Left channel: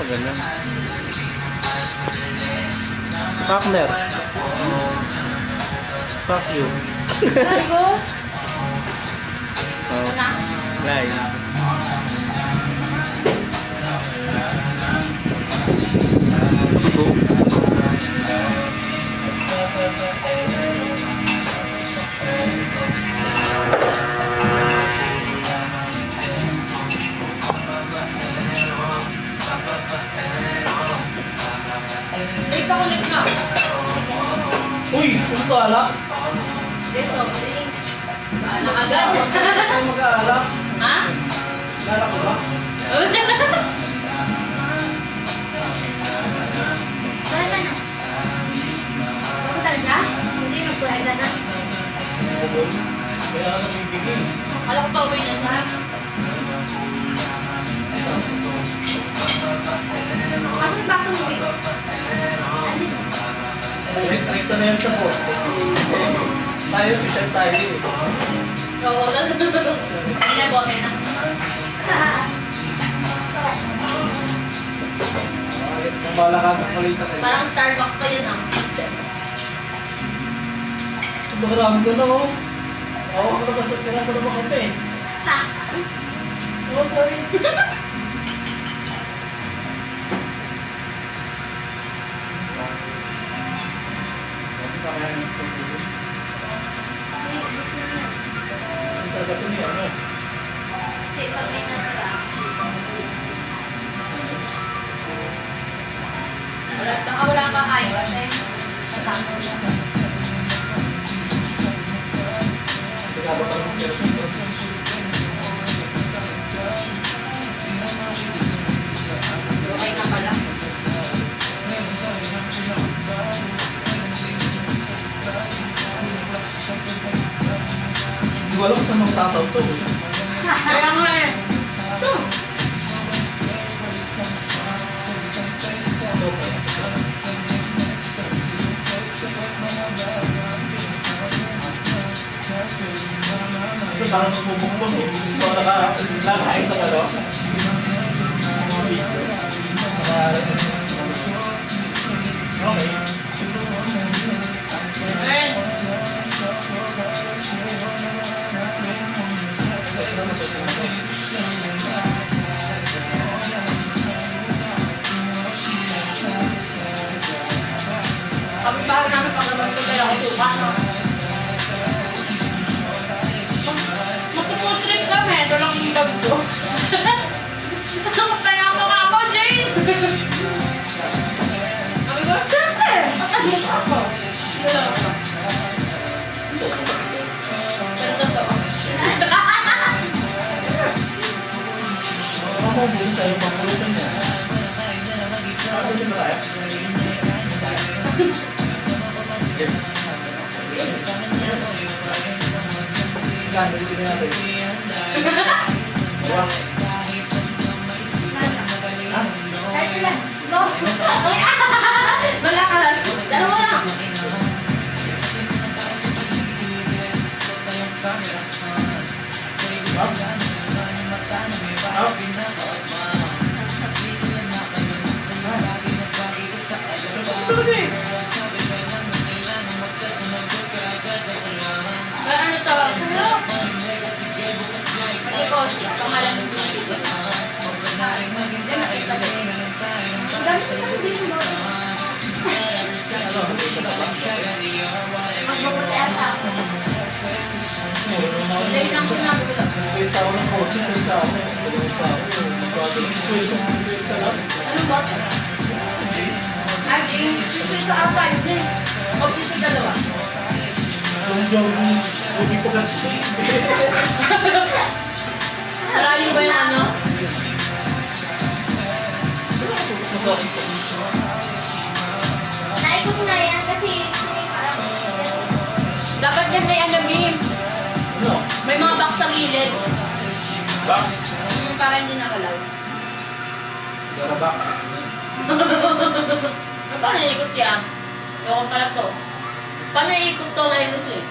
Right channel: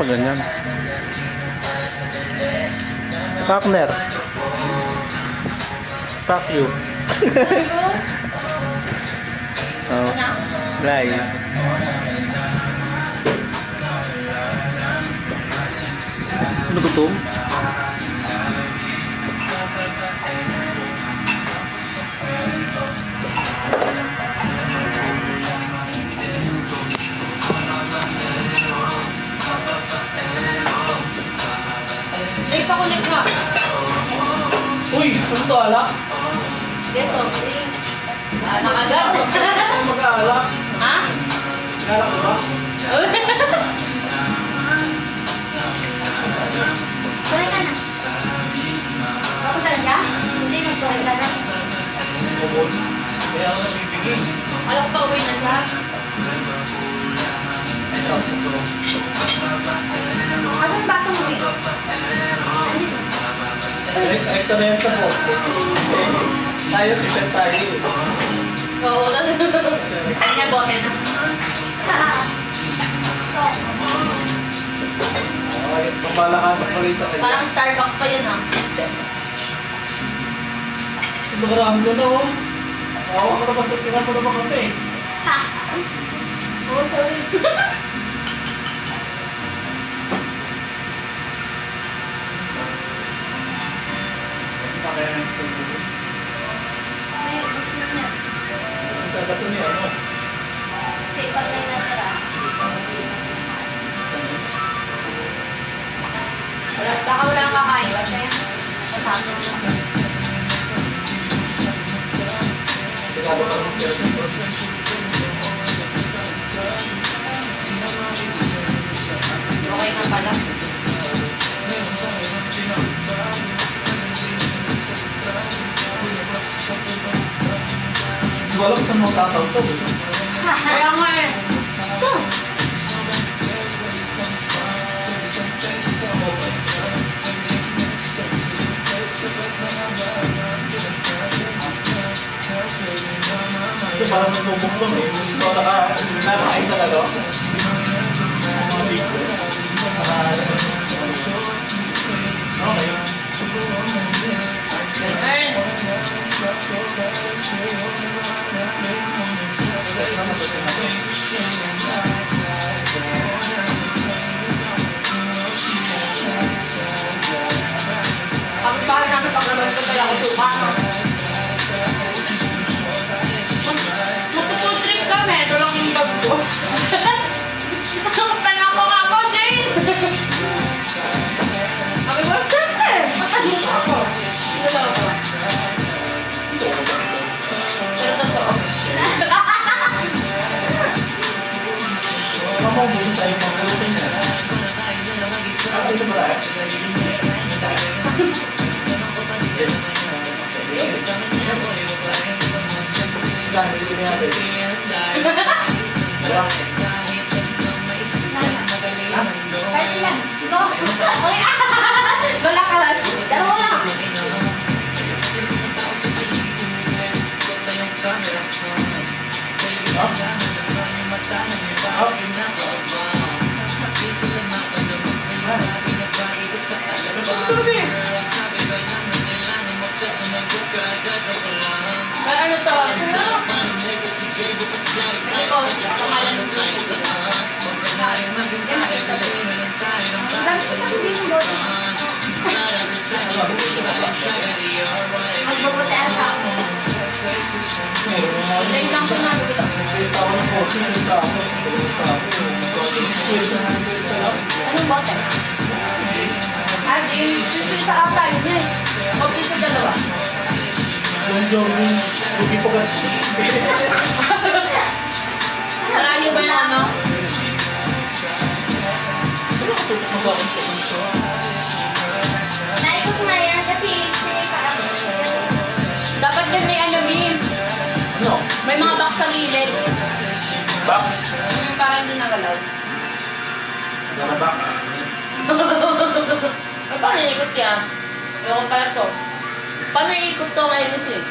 pag ganyan. Partner. Fuck you. Oh. Right. Ano ba ito? May pakulit na. Uy! Ano ito alak? Yes, of drinks. Anak agad. Ay mag-aalak. Ha? Alak ko ba? Balik ka na. Ako talaga? Hindi, magbuhay ka na. Bukol. Kaya ako nabibigay. Alam ko pa uwi na ba? Ano yung baso mo, Vico? Ay, ito na yan sa poste. Tayo, sisyan tayo eh. Oo, kanya bote na. Kung malakasan ko rito kayo. Parang Starbucks pa yun ah. Marami ko na oh. Ako ko na ba sa tingnan ko na ba kami? Oh, sorry. May gusto niya. Ang tatato niya ano? Kasi pag may natira, Baka wala kang kakain kasi. Matapos na. Tingado ka ng cellphone. Okay na pala. Hindi ko alam kung saan mga tataw to. Kaya nga eh. Ito. Ito parang namumukbang eh. Ito nakakain na ano? Mga video. Okay. Earn. Kapit bahay namin pag naman ito kaya ako tukas. Magpuputrik kami. Ito lang yung bag ko. Kaya ako nga ako, Jane. Sabi ko, siyempre. Matali ako. Nalaw ko. Pero totoo. Ano mo muna tayo makulitin na? Ano ito ba? Gano'n din natin. Diba? kahit ilan. Go! Wala ka lang. Dalawa lang. Pero ano to? Ito po, pangalan ng mga. Ang dami ko lang din mo. Magpapatayan pa ako. Dahil lang po namin ito. May tao ng kotse, may tao. Anong bote? Ay, yung sa ata, yun eh. Huwag sa dalawa. Yung hindi po kasi. Malayo ba yung ano? Naikot na yan kasi Dapat yan may ano, Bim. Ano? May mga box sa gilid. Back? Yung para hindi nagalaw. Gara back? Paano naikot yan? Yung pala to. Paano naikot to ngayon ito eh?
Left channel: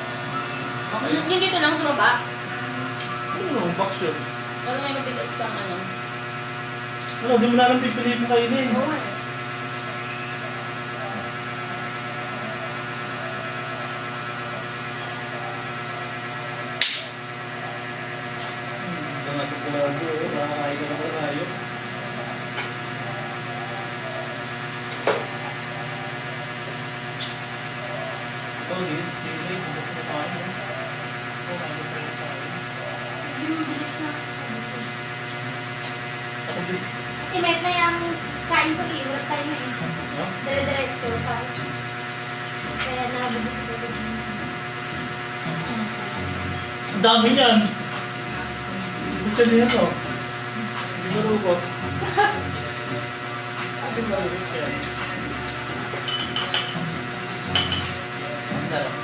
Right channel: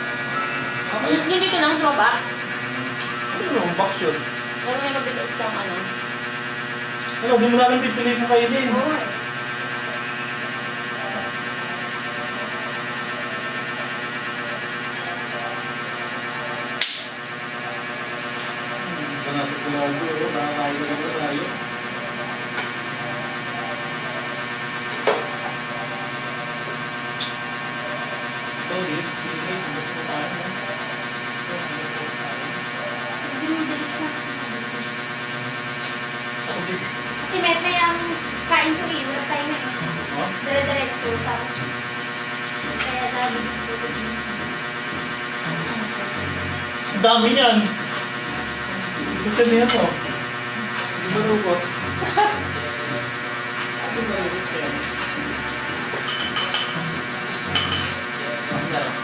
Hindi ko nang sumaba. Ano yung box yun? Pero may mabigat siyang ano. Ano, di mo na lang pipilit mo kainin. Oo eh. Ito natin sigurado, nakakain na naman tayo. Ito, hindi gusto ko kain. Ito, hindi ko kain. Bilis na. Ako din. Kasi may ang kain ko eh. Wala tayo na eh. Ha? Dire-diretso. Tapos, kaya nabibis ko ko din. Ang dami yan. Gusto niya to. Hindi ba lubot? Ano ba yun? Ang sarap.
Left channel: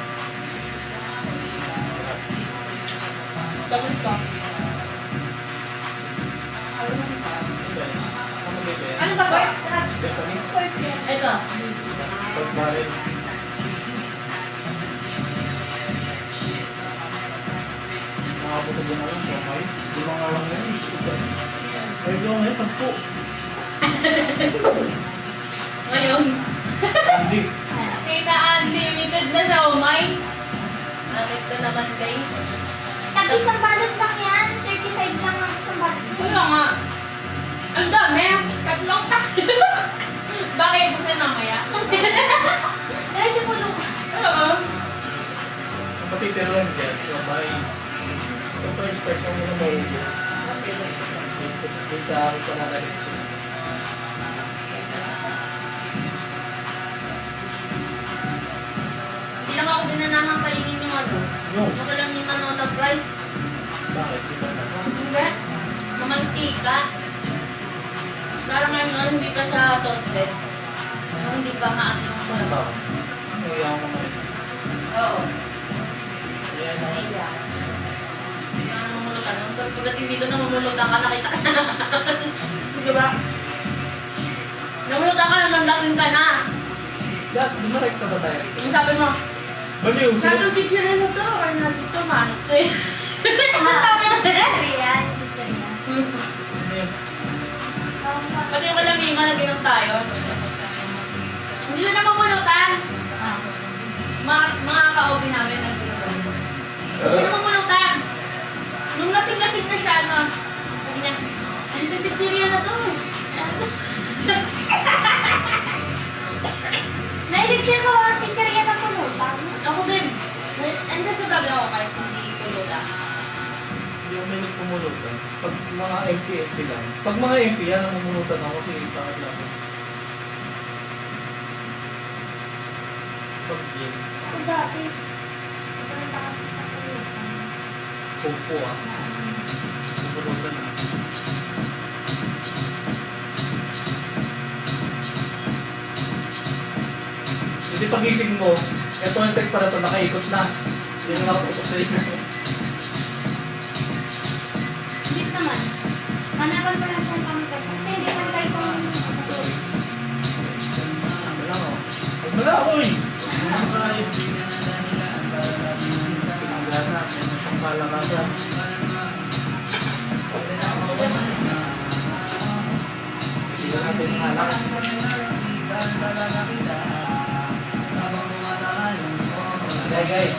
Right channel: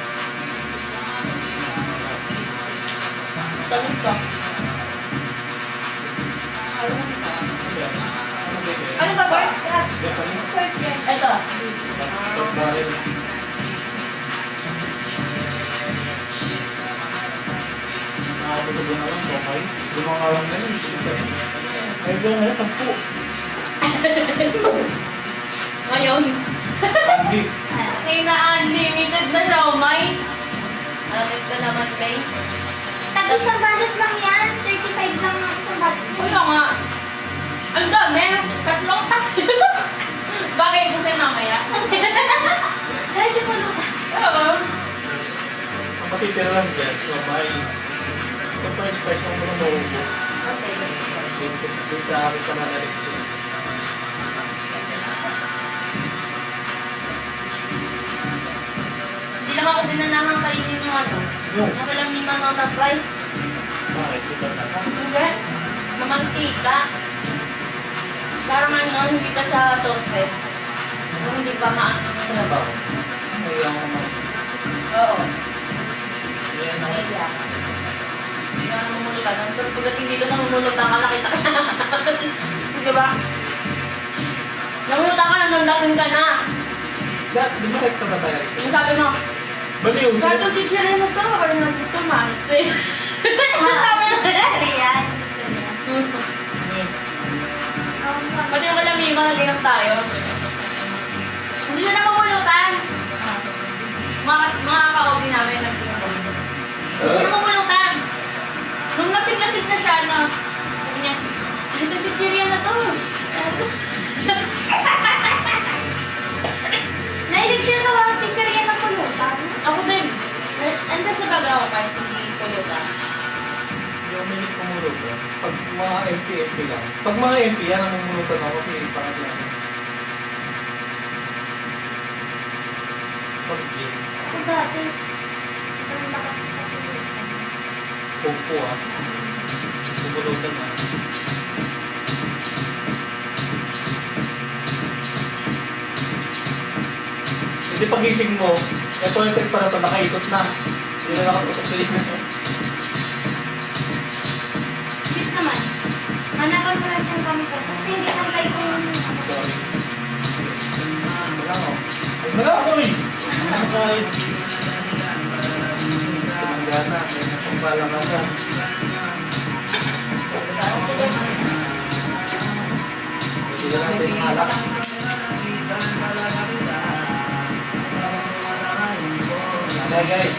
Tamis ka. Ano ba yun? Ano ba ba? Tamis? Ito. Tamis. Nakapagod na lang, okay? Lumangalang na yun. Ay, doon na yun, 10. Ngayon, Hindi. may na-unlimited na siomay. Alit ka naman guys. Tapos isang balot lang yan. 35 lang ang isang balot. Ano nga? Ang dami. Tatlong Bakit po siya mamaya? Medyo mo lupa. Oo. Ang matitira lang dyan, so may siyempre spice ang mga marubo. Dito sa akin sa nanalikso. Hindi naman ako dinanamang kainin ng ano. No. Makalang naman ang na-price. Bakit? Di ba na? Hindi. Mamantika. Para man no, hindi pa siya toasted. No, hindi pa maano yung Ano ba? Naiyak ko man. Oo. Kaya na. Naiya. Hindi ka namumulutan. Tapos pagdating dito namumulutan ka, nakita ka na. Di ba? Namulutan ka na, nandasin ka na. Dad, dumarek ka ba tayo rito? Yung sabi mo, Baliw! sa itong chichirin na to, kaya na dito man. Tama na pala. Ayan. Pati yung kalamima, naginom tayo. Hindi na namumulutan. Mga ka-obi namin nagtinuloy. Hindi na namumulutan. Nung lasing-lasing na siya, no, sabi niya, ito chichirin na to. Nailig siya sa walang pizzeria ng pulutan. Ako din. Andiyan sa baga ako kahit hindi tulutan. Hindi ako may kumulog ba? Pag mga MP lang. Pag mga MP, yan ang mumunutan ako kasi parang lang. Pag gin, Ako dati. Pumunta kasi sa pulutan. popo ah. Mumunutan na. Hindi pagising mo, ito yung tag para ito, nakaikot na. Hindi na nakatutok sa inyo. Hindi naman. Hanapan mo lang kung kami ka. Kasi hindi lang tayo kung Sorry. Wala ko. Wala ko eh. Ano tayo? Tinanggana. Pangbalakasan. Hindi na natin halak. Okay guys.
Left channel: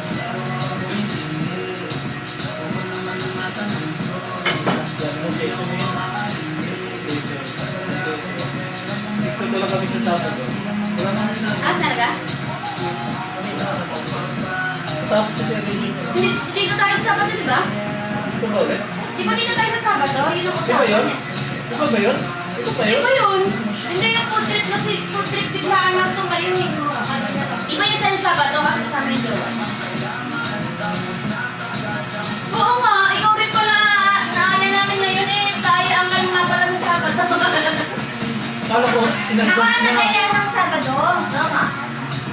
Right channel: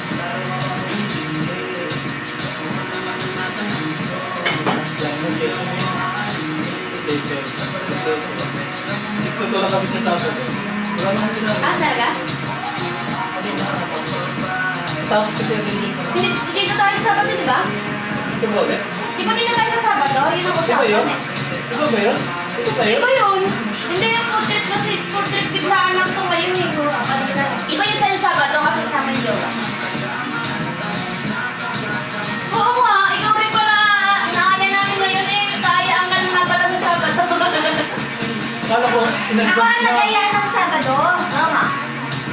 Gusto lang kami sa tapos eh. Wala naman sila. Talaga? Tapos kasi rin yun. Hindi ka tayo sa Sabado, di ba? Ito ba ulit? Di ba hindi na tayo sa Sabado? Yun ang Ito ba yun? Ito ba yun? Ito ba yun? Iba yun. Hindi yung food trip kasi food trip biglaan lang ito ngayon eh. Iba yung sa Sabado kasi sama yung jowa. Oo nga, ikaw rin pala naalala namin ngayon eh. Tayo ang kalma para sa Sabado. Kala ko, Ako in-advance na niya. kaya ng Sabado. Tama.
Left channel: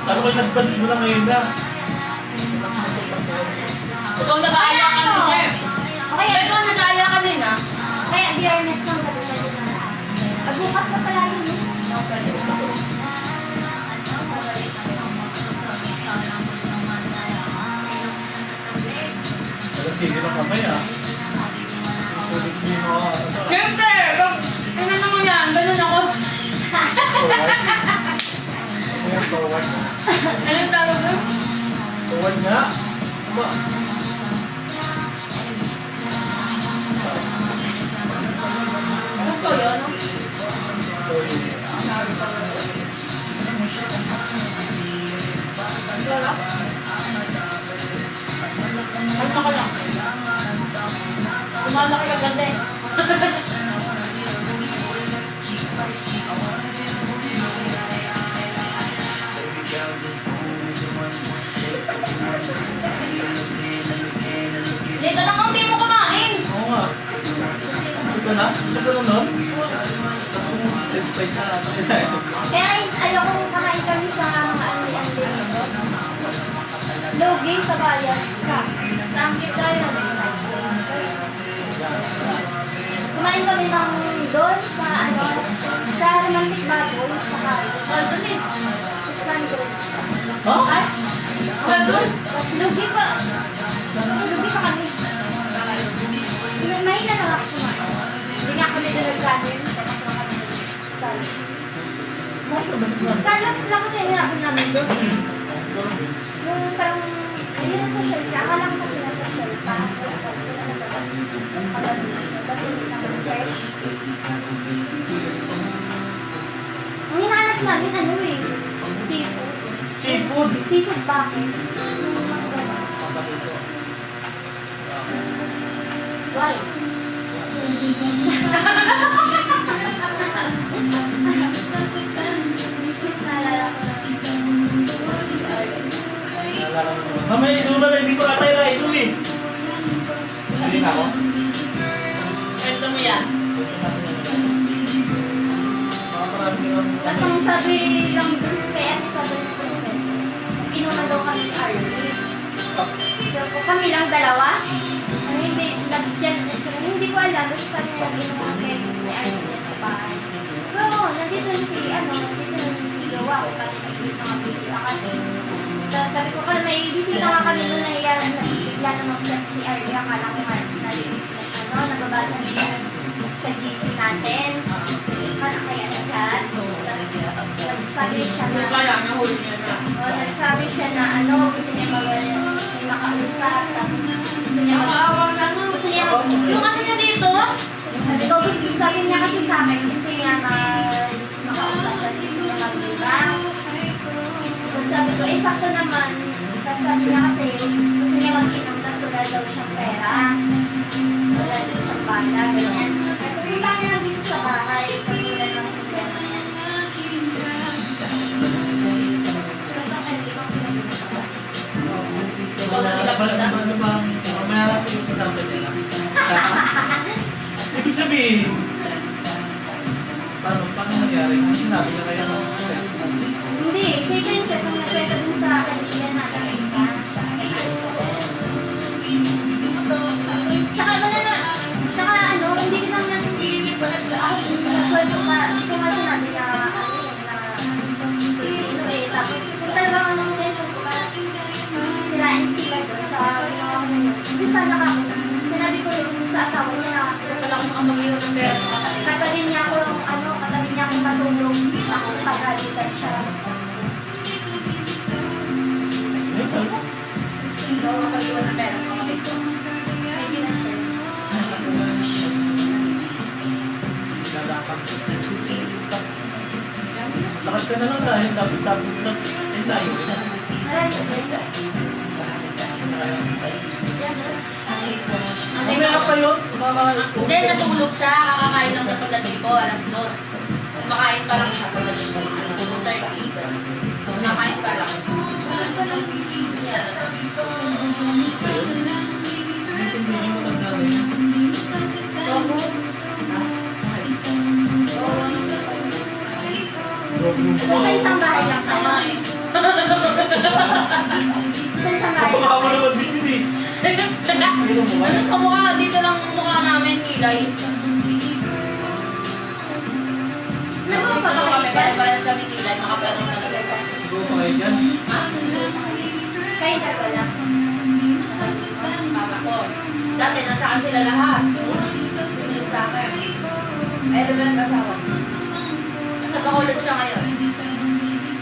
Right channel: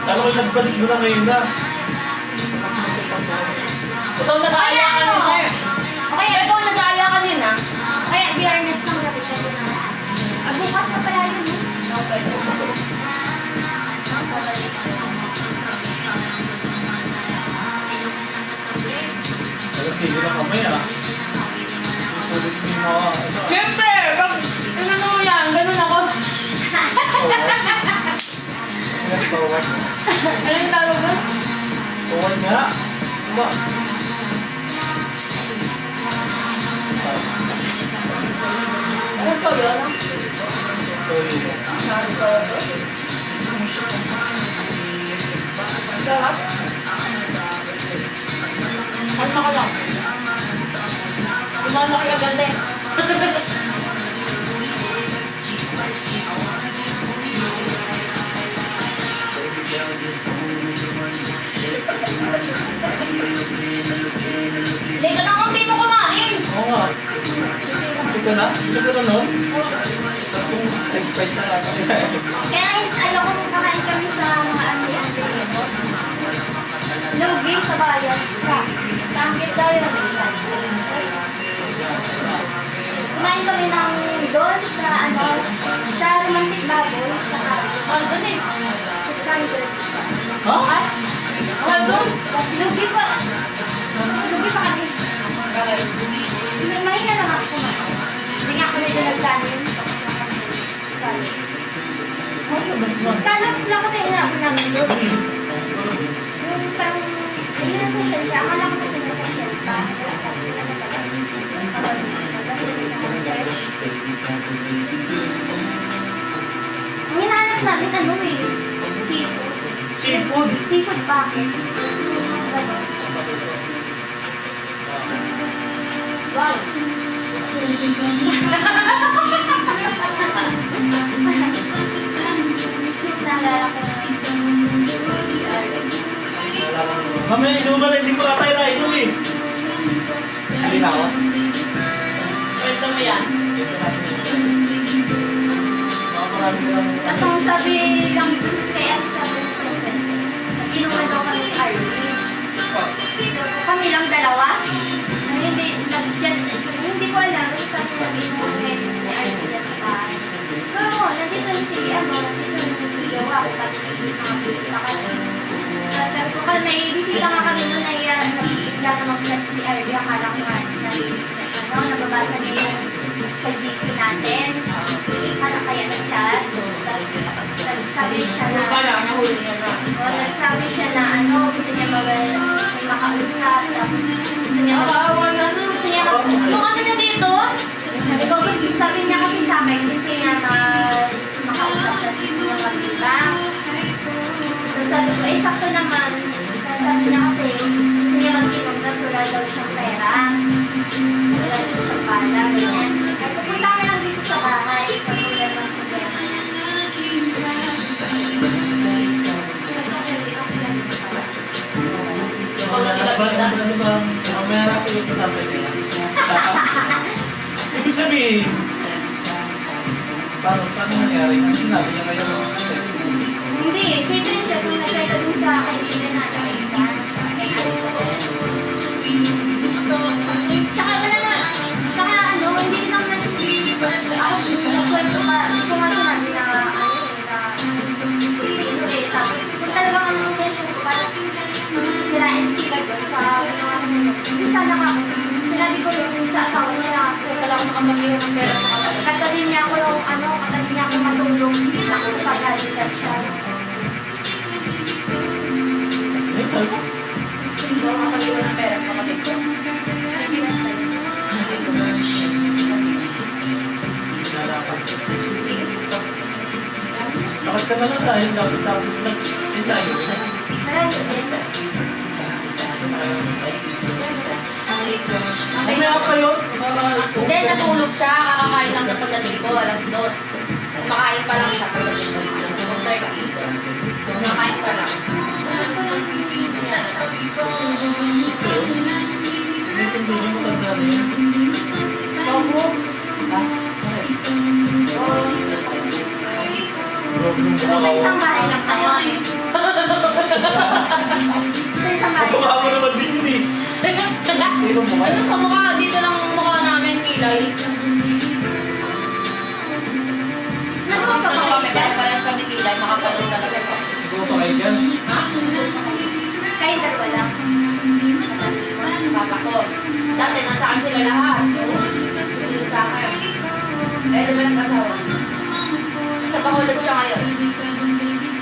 Kala ko in-advance mo na ngayon na. Ikaw nag-aaya ka nun, sir. Okay, ikaw nag-aaya ka nun ah. Kaya biyernes ng gabi tayo na. Bukas na pala yun. Alam, tigil lang kami ah. Isulit mo yung mga ano. Siyempre, pag ano mo yan, Tawag. Anong tawag mo? Tawag nga. Uma. Ano po yun? Sorry. Ano ka lang? Umama ka ganda eh. Hindi ka nang hindi mo kumain. Oo nga. Ito ka na? Ito ka na, no? Nag-spice na lang. Guys, ayoko kakain kami sa mga andi-andi nito. Lugi sa bayan. Tangkit tayo. Kumain kami ng doon sa ano, sa Romantic Baboy. Ano doon eh? 600. Ha? At Ano doon? lugi pa. Lugi pa kami. Mahina lang ako kumain. Hindi nga kami na nagkanin. Scallops lang kasi hinapin namin doon. Yung parang, hindi na sa shell ka. Akala ko kasi nasa shell ka. Kasi hindi naman fresh. Ang hinahanap namin ano eh. Seafood. Seafood. Seafood bucket. Wow. Naalala ko na. Mamaya, hindi mo ba hindi ko atay na ito eh. Hindi na ako. Kwento mo yan. Mga marami lang. Tapos ang sabi lang kay Elizabeth Princess, inuman daw kami ni Arlene. Kami lang dalawa. Ano, hindi ko alam kung saan niya inuman kay Arlene sa bahay. Pero nandito na si Jowa ko pati nakabisita kami. Tapos sabi ko ka, naibisita nga kami doon na iyan, bigla na mag-chat si Arlene. Akala ko nga nababasa niya sa GC natin. Akala kaya na chat. Tapos nagsabi siya na, Wala, nahuli niya na. nagsabi siya na ano, gusto niya may makausap. Tapos gusto niya Nakakaawa na nun. gusto niya Yung ano niya dito? sabi ko, sabi niya kasi sa akin, gusto niya makausap na gusto niya mag-ibang. Tapos sabi ko, sakto naman. Sabi niya kasi, gusto niya mag-ibang na wala daw siyang pera. Wala daw siyang pala. Ganyan. Pupunta ka lang dito sa bahay. Pag wala ng problema. Ikaw na nilapita. Ano ba? Mamaya natin yung tatapin nila. Ibig sabihin, paano nangyari? Ang sinabi niya kayo ng Hindi, si Princess ang nagkwento dun sa kaibigan natin. Tsaka wala na, tsaka ano, hindi naman ako nagkwento ka, hindi ko nga sinabi na kasi tapos talagang sirain sila doon sa hindi sana ka, sinabi ko yung sa asawa niya na Wala akong makapag-iwan ng pera. kagaling niya ko yung ano, kagaling niya ko matulong ako pagalitan siya. Hindi ako makapag-iwan ng pera. Kapatid ko. Hindi na siya. Lakas ka na lang dahil dapat lang yun tayo. Marami din. Mamaya pa yun. Hindi, natulog siya. Kakakain lang sa pagdating ko, alas 2. Kumakain pa lang siya pagdating ko. 2:30. Kumakain pa lang. Togo. So, sa isang bahay lang tayo. Sama eh. Sa isang bahay Baka lang. mo naman din yun eh. Ano sa mukha? Dito lang ang mukha namin, Milay. Dito kami, parehas kami Milay. Makapalo talaga. Siguro pa kayo dyan. Ha? Kahit dalawa lang. Papa ko. Dati nasa akin sila lahat. Sunod sa akin. Eh, di ba nag-asawa? Nasa Bacolod siya ngayon.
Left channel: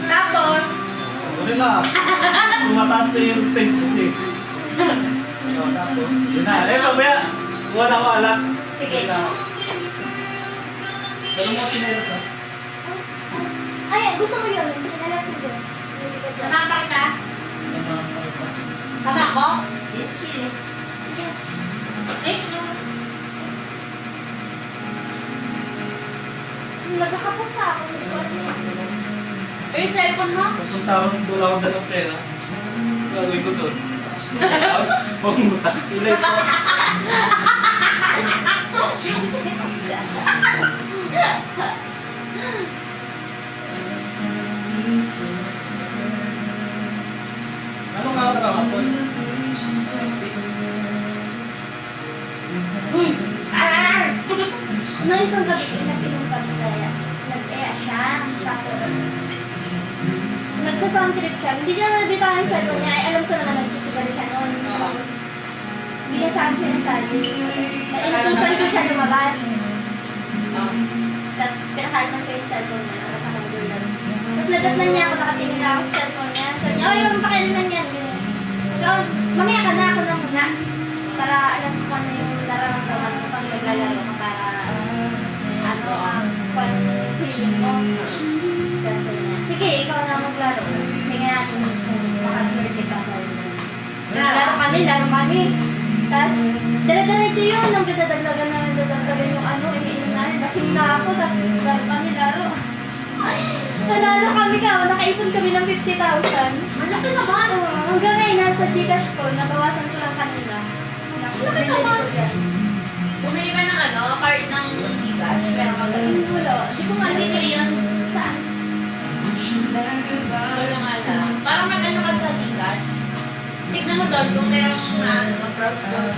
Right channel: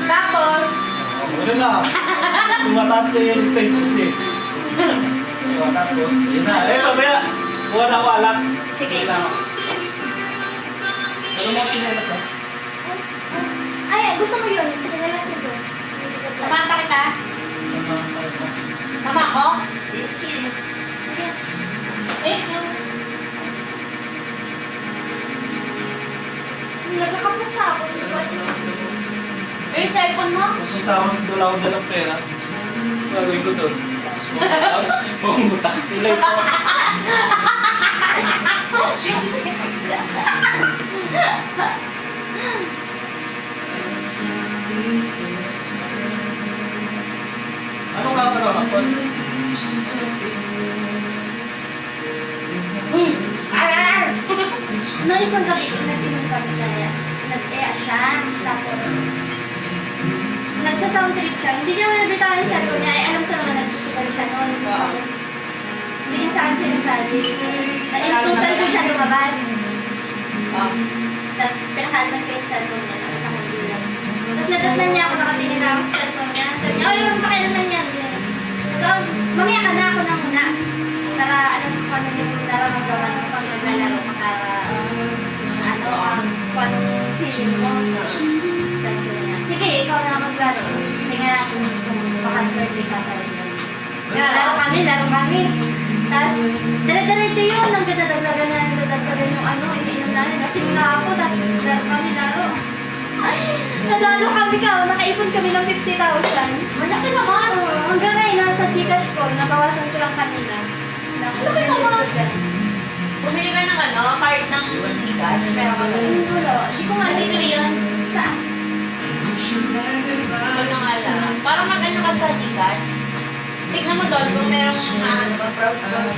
Tapos, Wala na. Tumatas na yung stage eh. Tumatas ko. Yun na. Eh, mamaya. Kuha na ako alak. Sige. Yun lang. Ano mga sinelas ha? Ay, gusto mo yun. Sinalas mo doon. Kumanta kita? Yung mga mga Tama ko? Sige. Eh, Nagkakapasa ako. yung cellphone mo? Pupunta ako ng dula akong dalang pera. Gagawin ko doon. Tapos, mangutang. Tulay ko. Anong kakagawa ko? No, isang gabi, nag-inom kami kaya. Nag-ea siya, tapos nagsa-sound trip siya. Hindi niya manabitawan yung cellphone niya. Ay, alam ko naman nagsusugal siya noon. Tapos, hindi niya saan siya nagsabi. Inutusan ko siya lumabas. Tapos, pinakalman ko yung cellphone niya. Nakakagulan. Tapos, nadatnan niya ako, nakatingin lang ako sa cellphone niya. Sabi niya, oy, magpakilaman yan. So, mamaya ka na ako na muna. Para alam ko ano yung nararamdaman ko pag naglalaro ka. Kung feeling mo. Kasi niya, sige, ikaw na maglaro. Tingnan natin kung makaswerte ka sa iyo. Laro kami. Tapos, dala-diretso yun. Ang dadagdagan yung ano, iniinom namin. Kasi nga ako, tapos laro. Ay, nanalo kami ka. Nakaipon kami ng 50,000. Malaki naman. Hanggang ngayon, nasa Gcash ko, nabawasan ko lang kanina. Malaki naman. Bumili ka ng ano, part ng Gcash, pero Hindi ko lang. Hindi ko nga Bumili yun? Saan? Ito yung alam. Parang mag-ano ka sa Gcash. Tignan mo doon kung merong na ano ba, browse doon.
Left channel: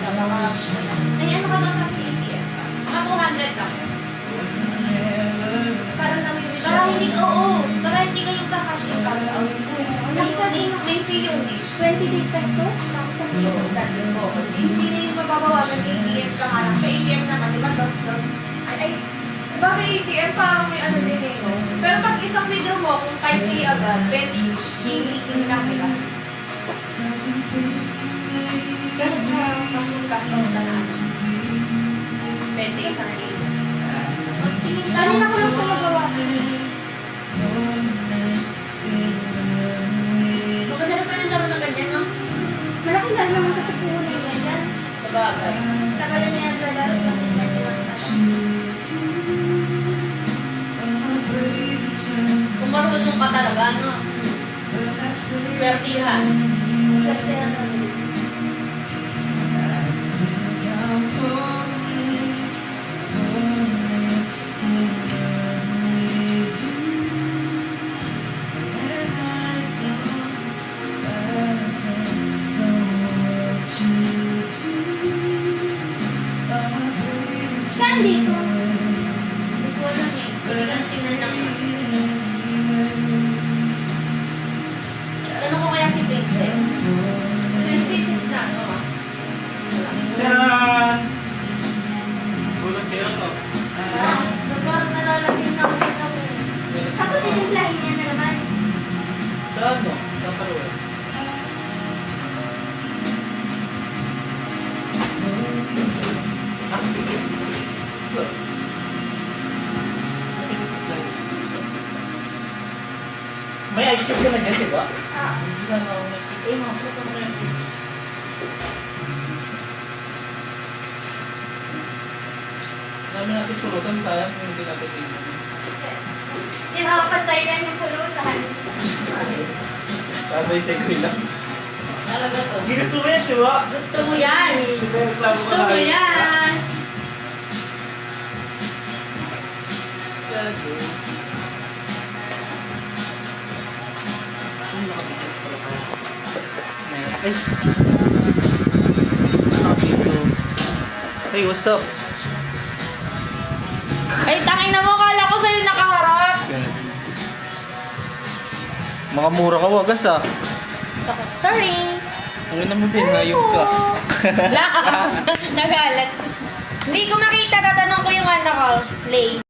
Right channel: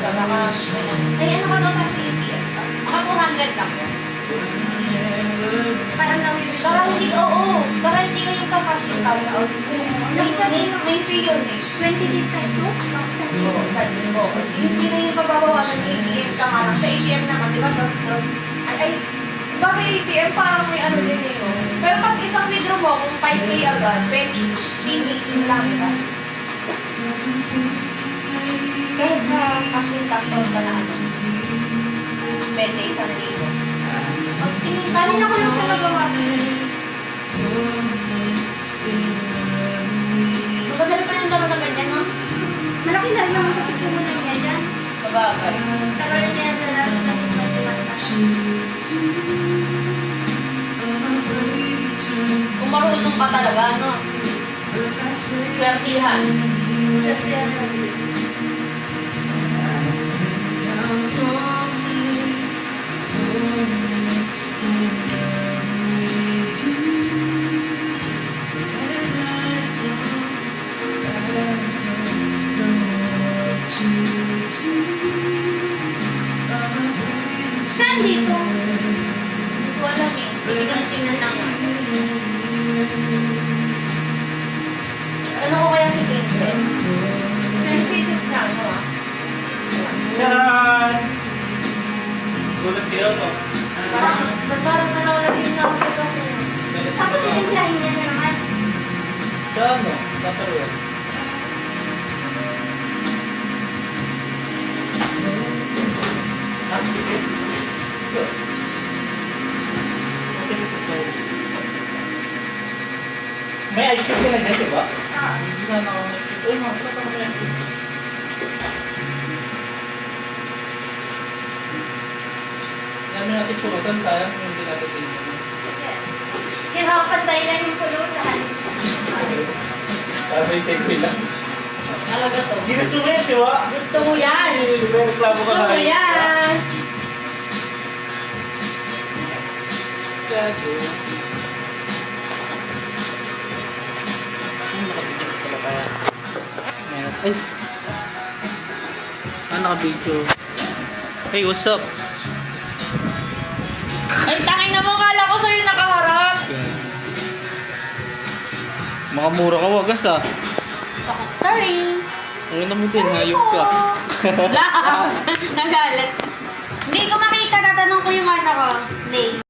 Ay, ano ka lang kasi ATM? Mga 200 lang. Parang lang yung... Parang hindi ko, oo. Parang hindi ko yung kakash yung cash out. May fee yun eh. 20 pesos? Sabi ko, hindi na yung mababawasan ng ATM ka nga lang. Sa ATM naman, di ba, dos. Ay, bagay ATM, parang may ano din eh. Pero pag isang withdraw mo, kung 5K agad, 20 lang, di ba? Kaya sa cash in cash out ka na ano, 20 isang libo. Kanina ko lang siya nagawa. Magandali pa yung laro na ganyan, no? Malaki lang naman kasi pinunay niya yan. Babagay. Pero yun yan nalaro na din may timata. Kung marunong ka talaga, no? Swertihan. Saan dito? Hindi ko alam eh. Hindi ka tingnan lang yun. Ano ko kaya si Princess? Princess na ako ah. Tcharan! Gulat kayo, no? Parang nalalasing na ako sa kapatid. Ako tinimplahin niya na naman. Sa ano? Kakaroon. May ice cream na dyan, di ba? Hindi na ako nag-ice cream. Uy, mga pala may ice cream. Dami natin pulutan, sayang hindi natin tingnan. Yan ako, pantay lang yung pulutan. Para may segue lang. Talaga to. Hindi gusto mo yan, di ba? Gusto mo yan! May reklamo ka Gusto mo na. yan! Gago. Ay. Naka-video. Hey, what's up? Ay, tangin na mo, kala ko sa'yo nakaharap. Mga mura ka wagas ah. Sorry. Ayun naman din, hayop ka. Nagalat. Hindi ko makita, tatanong ko yung ano ko. Lay.